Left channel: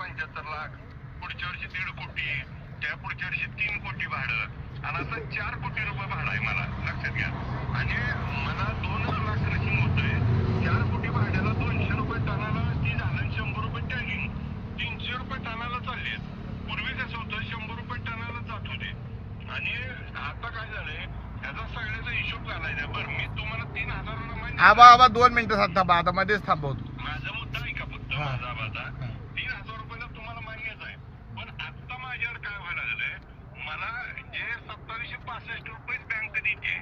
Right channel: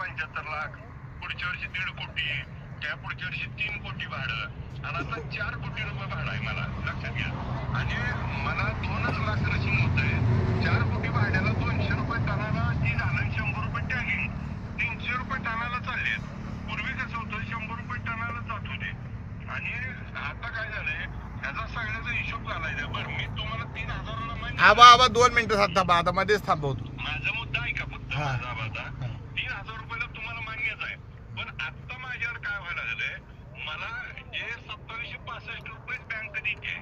75 लाख, पुढच्या वर्षी 1.5 कोटी, त्या पुढच्या वर्षी 3 कोटी भाडं आणि आता 4 कोटी रुपये भाडं आहे मला, लक्षात घ्या. आणि मला 2च लाख क्रशिंग होतंय. 4 कोटी भाड्याला 200 रुपये टनाला ती झालं, 100 रुपये टॅगिंग, 300 रुपये टनाला चाललेत. पूर्वी कसं होतं 100 रुपये टनाला जात होते. आणि आता काय झालंय, ह्याचा सगळ्याचा हिशोब घालायचा. बरं, मी तुम्हाला 3,000 आबा 2 मिनिटं आता मध्येच थांबवतो. माझा मुद्दा आहे का फक्त माझा आता 3,000 रुपयाला तुम्हाला मान्यच आहे. पण आता माझ्यावर काय व्हायला लागलंय, मला जे 2765 रुपये बँक देते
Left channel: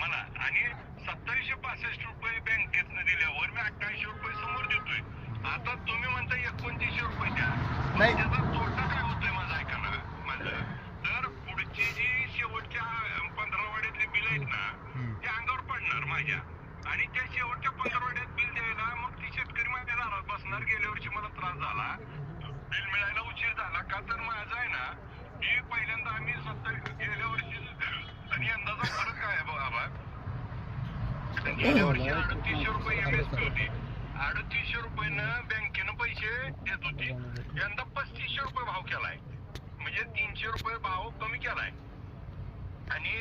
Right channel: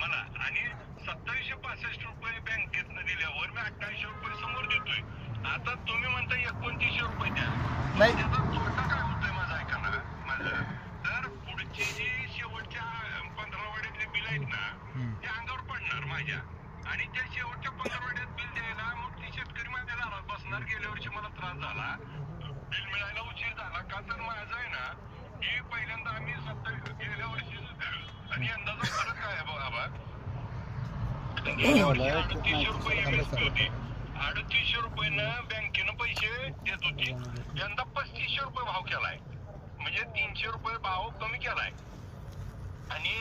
मला, आणि 2765 रुपये बँकेतनं दिल्यावर मी 2800 रुपये समोर देतोय. आता तुम्ही म्हणता 2900 रुपये द्या. नाही, त्याचा तोटा काय होतोय माझा, ऐका ना माझं. तर पुढची जी शेवटच्या 15 वाड्यातले बिल आहेत ना, ते अंगावर पडणार माझ्या. आणि त्या शेवटच्या 15 वाड्यात बिल द्यायला मग ती शेतकरी माझ्या दारात बसणार. गेल्या वर्षी मला त्रास झाला, बिल मिळायला उशीर झाला का, तर माझं आहे ना, की पहिल्यांदा आम्ही गेल्या वर्षी आणि यंदाचा फरक काय आहे बाबा. गेल्या वर्षी 3800 रुपये MSP होती, 3800 रुपयानं बँकेनं पैसे देत होती. यंदा 3500 रुपये भाव केलाय, म्हणजे 300 रुपये भाव कमी केलाय. आणि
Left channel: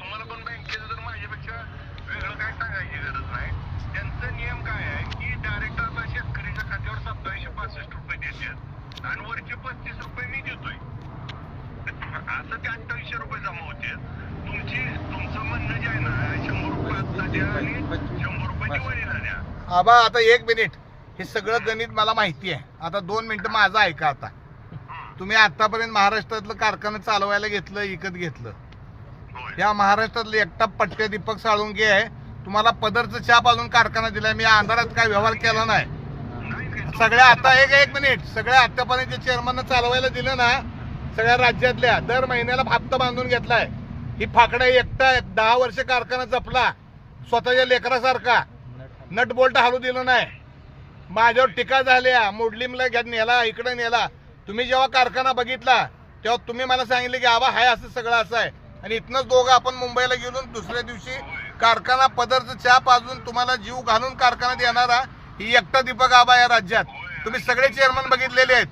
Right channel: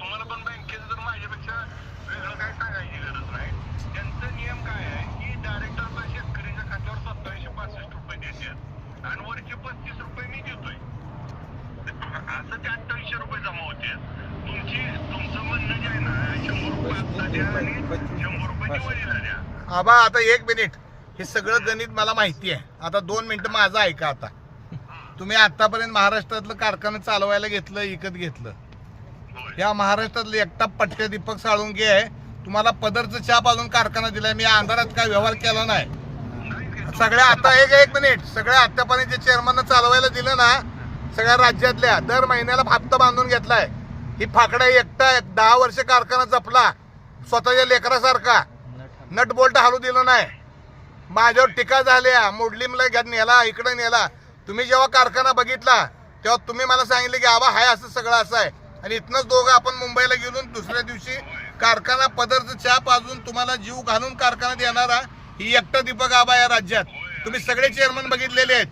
तुम्हाला पण बँकेचं जर माझ्यापेक्षा वेगळं काय सांगायची गरज नाही. त्यांचा नियम काय आहे की डायरेक्ट आता शेतकऱ्याच्या खात्यावर 2765 रुपये देतात आणि वरचे 35 रुपये मी देतोय. असं ते 2800 रुपये जमा होते. तुमचं म्हणणं जे आहे ना, 100 रुपये आता द्या आणि 100 रुपये दिवाळीला द्या. आबा आता 1 मिनिट, हे सगळं गणित मला माहिती आहे. आता 2 मिनिटं माझं ऐका. आता तुम्ही आतापर्यंत महाराष्ट्रातलं कारखाना चालवायला घेतलं, विकत घेतलं. या महाराष्ट्रातले एकटा पटके दीपक साळुंके आहे. तुम्हाला पदरचं छाप अजून कारखाना दिलाय. मी अंधारात काय व्यवहार केला नाही. सगळ्या आता एक मिनिट, सगळ्या आतापर्यंत जे चेअरमननं चालवायला दिलं ना, सगळ्या राज्यातल्या दर महिन्याला हप्ता बांधून घेतलाय. ही फाकडा एकटा 10 वर्ष कारखाना जपला स्वतःच्या लेकरासारखा, नट बोल्ट हालू दिलं नाही. माझ्यावर टीका झाल्या, मोडलीमला नेला, इकडे नेला. तुम्ही जेव्हा कारखाना बघितला तेव्हा तुम्ही मला सांगितले की आबा हाय असं सगळं असं आहे. आणि इथनंच दोघं आपण मुंबईला गेलो, दुसऱ्या दिवशी कारखाना पदरचं छाप अजून तुम्हाला जीव घालून कारखाना देणारा ही एकटा दीपक आबा या राज्यात. तुम्ही सगळे चेअरमन बघितलेले आहेत.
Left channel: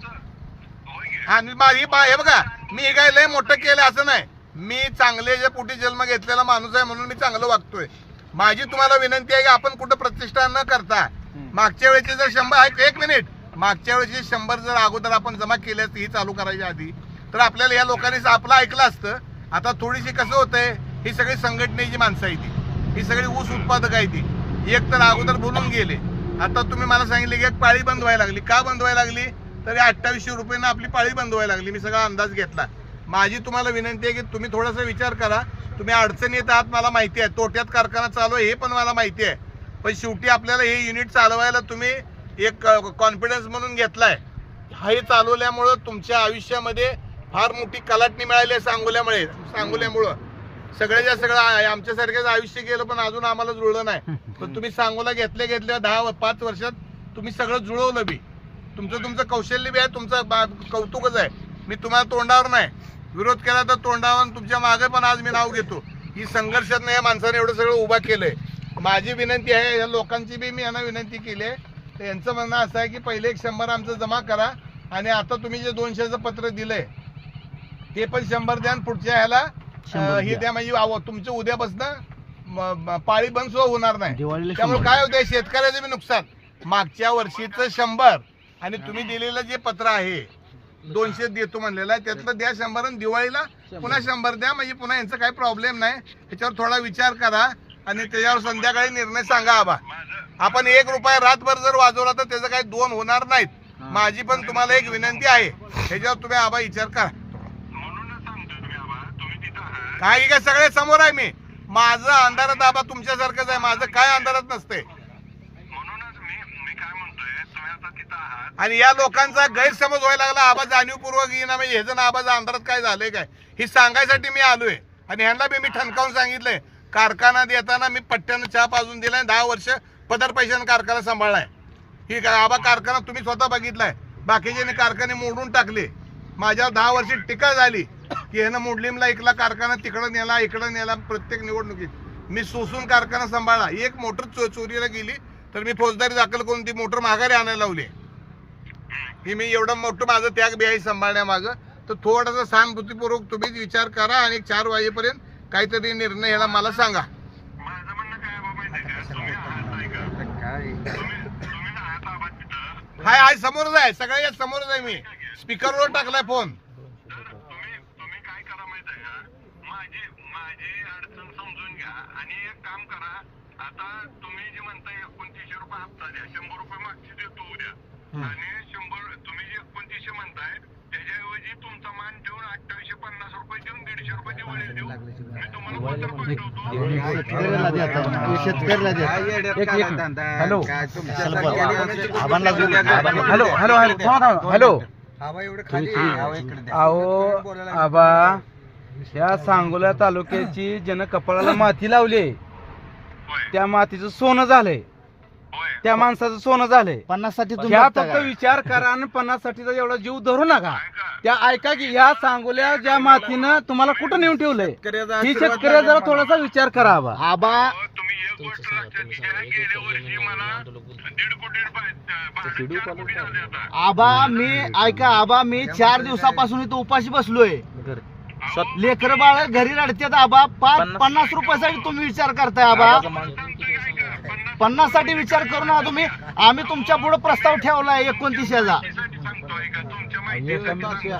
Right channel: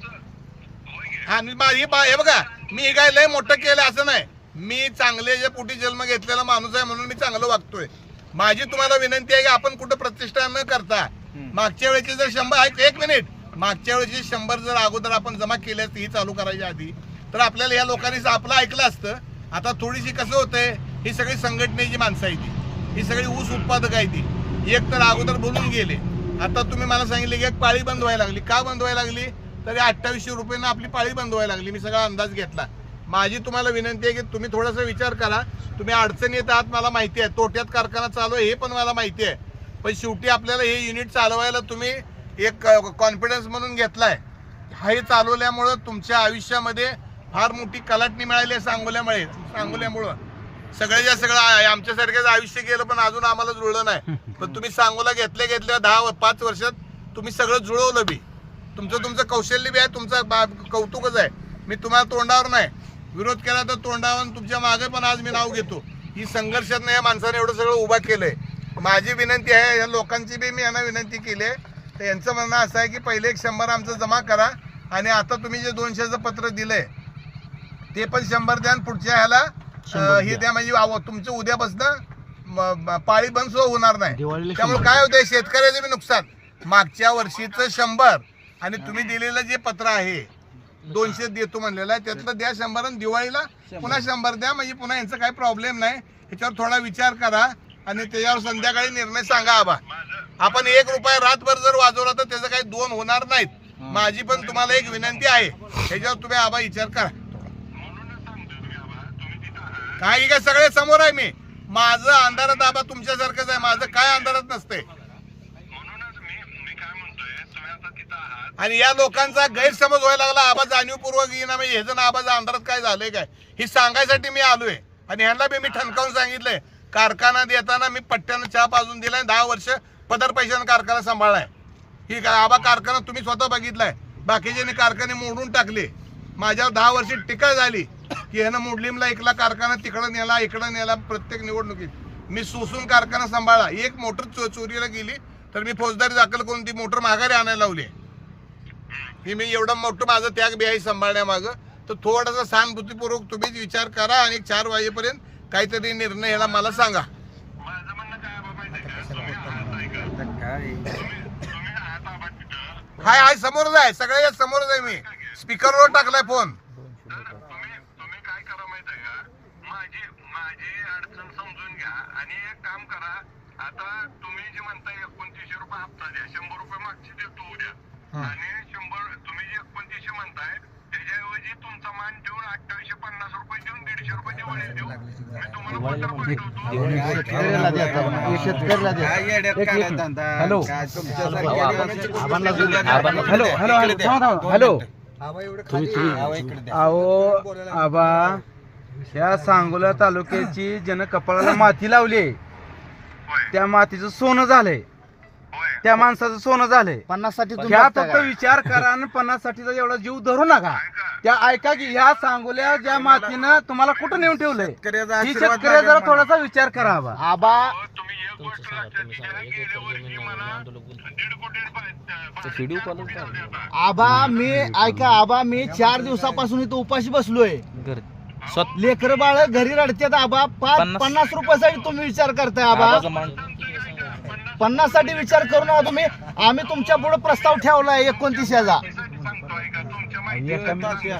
आणि हे बघा, मी काय लय मोठं केलं असं नाही. मी चांगले जे पोटी जन्म घेतलेला माणूस आहे म्हणून मी चांगलं वागतोय. माझी तुम्हाला विनंती आहे की आपण कुठं प्रतिष्ठा न करता मागच्या वेळेचे जर 100, 1 मिनिट, मागच्या वेळेचे 100 जर अगोदर आपण जमा केले असते ही चालू करायच्या आधी, तर आपल्याला या लोकांनी आपलं ऐकलं असतं. आता थोडीशी कसं होतंय, ही सगळी संघटनेची माणसं आहे ती, ही सगळी ऊस उत्पादक आहे ती. एक तर अगोदर बोलून गेले. आता तुम्ही मला सांगितले की एक पाळी बंद व्हायला लागली. का बंद व्हायला लागली, तरी 2800 रुपयानं आपली पाळी बंद व्हायला लागली. मी सगळा अंदाज घेतला. माझी तुम्हाला विनंती आहे की तुम्ही थोडासा विचार करा. तुम्ही अडचणीत आहात मला माहिती आहे, तोट्यात कारखाना चालू आहे हे पण मला माहिती आहे. पण शेवटी आपल्याला हे युनिट चालवायला तुम्ही एक कॉन्फिडन्स म्हणून घेतलाय. हे चालवल्यामुळं तुमच्या आयुष्यामध्ये फार मोठी कलाटणी मिळाली आहे. सांगोल्यामुळं सगळ्याच्या सगळं आमच्यासारख्याच आयुष्य गेलं, पण अजून आम्हाला जुळलं नाही. पण तुम्ही सांगोला घेतल्या 10-5 वर्षात तुम्ही सगळं जुळवलं बी. तुमचं कौशल्य बी आहे, तुमचं कौतुकच आहे. मी तुम्हाला तोंडावर नाही, विरोध केला तर तोंडावर तुमच्या मागे पण आज मी नाव घेतो. ही संघर्षात या माणसाने एवढं सगळं उभा केलंय. माझी विनंती आहे, या लोकांची बी मी यांना विनंती केली आहे. तर यांचं म्हणणं असं आहे की पहिले एक 100 आमचं जमा करा आणि आता तुम्ही जे 200चं पत्र दिलंय ते पण 100 द्या आणि पुढच्या ह्याला हे द्या. म्हणजे तुमचं उद्यापासून पाळी बंद सुद्धा होणार नाही. त्यामुळे काय होतंय, शेतकऱ्याचं बी नुकसान. मागच्या वर्षीचं 100 आणि तुम्ही दिलेलं जे पत्र आहे 200 देतो म्हणलेलं आहे, त्यातलं द्या 100 आणि दिवाळीला पुन्हा 100 द्या. म्हणजे पुन्हा यांचा काही प्रॉब्लेम नाही. त्याच्यावर थोडा विचार करा आणि त्याच्यावर संध्याकाळी निर्णय सांगा. आबा आपण 1 रुपया रातभर जर वाजवला तर त्याचं काही 2 होणार नाहीत. माझी पण तुम्हाला एक विनंती आहे, त्याच्यावर तुम्ही आबा विचार करा. काही काय सगळे समोर आहे. मी माझं अंधारात आबा तुमच्यासारखंच आहे. माझं काय अंधारात नसते. आणि या लोकांचा गैरसमज व्हायला लागला. आबा जाणीवपूर्वक येईना, हे जण आबाचा अंधारात काय झालंय काय हे सांगायसाठी मी आलोय. आणि ह्यांना बी मी ठणकावून सांगितलंय, कारखाना देताना मी पट्ट्यानं चहा पाजून दिलाय. 10 वर्ष पदर पैशानं कारखाना सांभाळलाय. ही आबा कारखाना तुम्ही स्वतः बघितलाय. बाकीचे कारखाने मोडून टाकले. माझ्यावर 10 वर्ष टीका झाली की ह्यानं मोडलीमला ऐकला कारखाना, तिकडं नेला इकडं नेला. प्रत्येक निवडणुकीत मी सोसून कारखाना सांभाळला. एक मोटर चोरीला गेली तर मी फौजदारी दाखल करून ती मोटर माघारी आणायला लावली. ही मी एवढं मोठं माझं त्याग बी आहे सांभाळण्यामागं, तर थोडासा सहानुभूतीपूर्वक तुम्हीच विचार करा आणि 4 वाजेपर्यंत काहीतरी निर्णय ह्याला मला सांगा. माझं म्हणणं काय बाबा माहिती आहे का, तुम्ही आहात ऐका, तुम्ही आहात आहात तिथं, हाय समोरच आहे, सगळ्या समोरच आहे, मी स्पीकरवर टाकलाय फोन. तर तुम्ही काय करा माहिती आहे का, माझी अडचण समजून घ्या आणि एक काम करा. आता तुम्ही जे म्हणताय 2900 रुपये हप्ता द्या, 100 रुपये मागची देतो उद्या, आणि 100 तुम्ही जे 2900 म्हणताय त्याच्याऐवजी तुमचा मान ठेवून 2850 रुपये देऊन 150 रुपये दिवाळी देऊ. मी तुम्हाला पत्र पाठवतो. हॅलो अहो आबा, या सांगोला तालुक्याची ज्यानं कपाळाला माती लावली, होय त्या मातीचं सोनं झालंय, होय त्या माणसाचं सोनं झालंय. 50 साठी ह्या फक्त विचार करा आणि 50 साठीचा एवढा जीव धरू नका. त्या ऐका की ह्या सांगोल्या ज्या मातीनं तुम्हाला कुठं नेऊन ठेवलंय, ही शेतकऱ्या जरा थोडासा विचार करा आबा. आबा तुम्ही एक गोष्ट लक्षात घ्या, गेल्या वर्षी मला 1.5 कोटी झाले आता. आबा मी ऐका, आबा मी 4 दिवसापासून इथं उपाशी बसलोय. लेकर बाळ घरी रडतात आबा. 50 रुपयासाठी तुम्ही विचार करताय आबा. 50 साठी विचार करू नका तुम्ही. आम्ही तुमच्या पुढे प्रस्ताव ठेवलाय 29 चा. सांगतोय का तुमच्या माहिती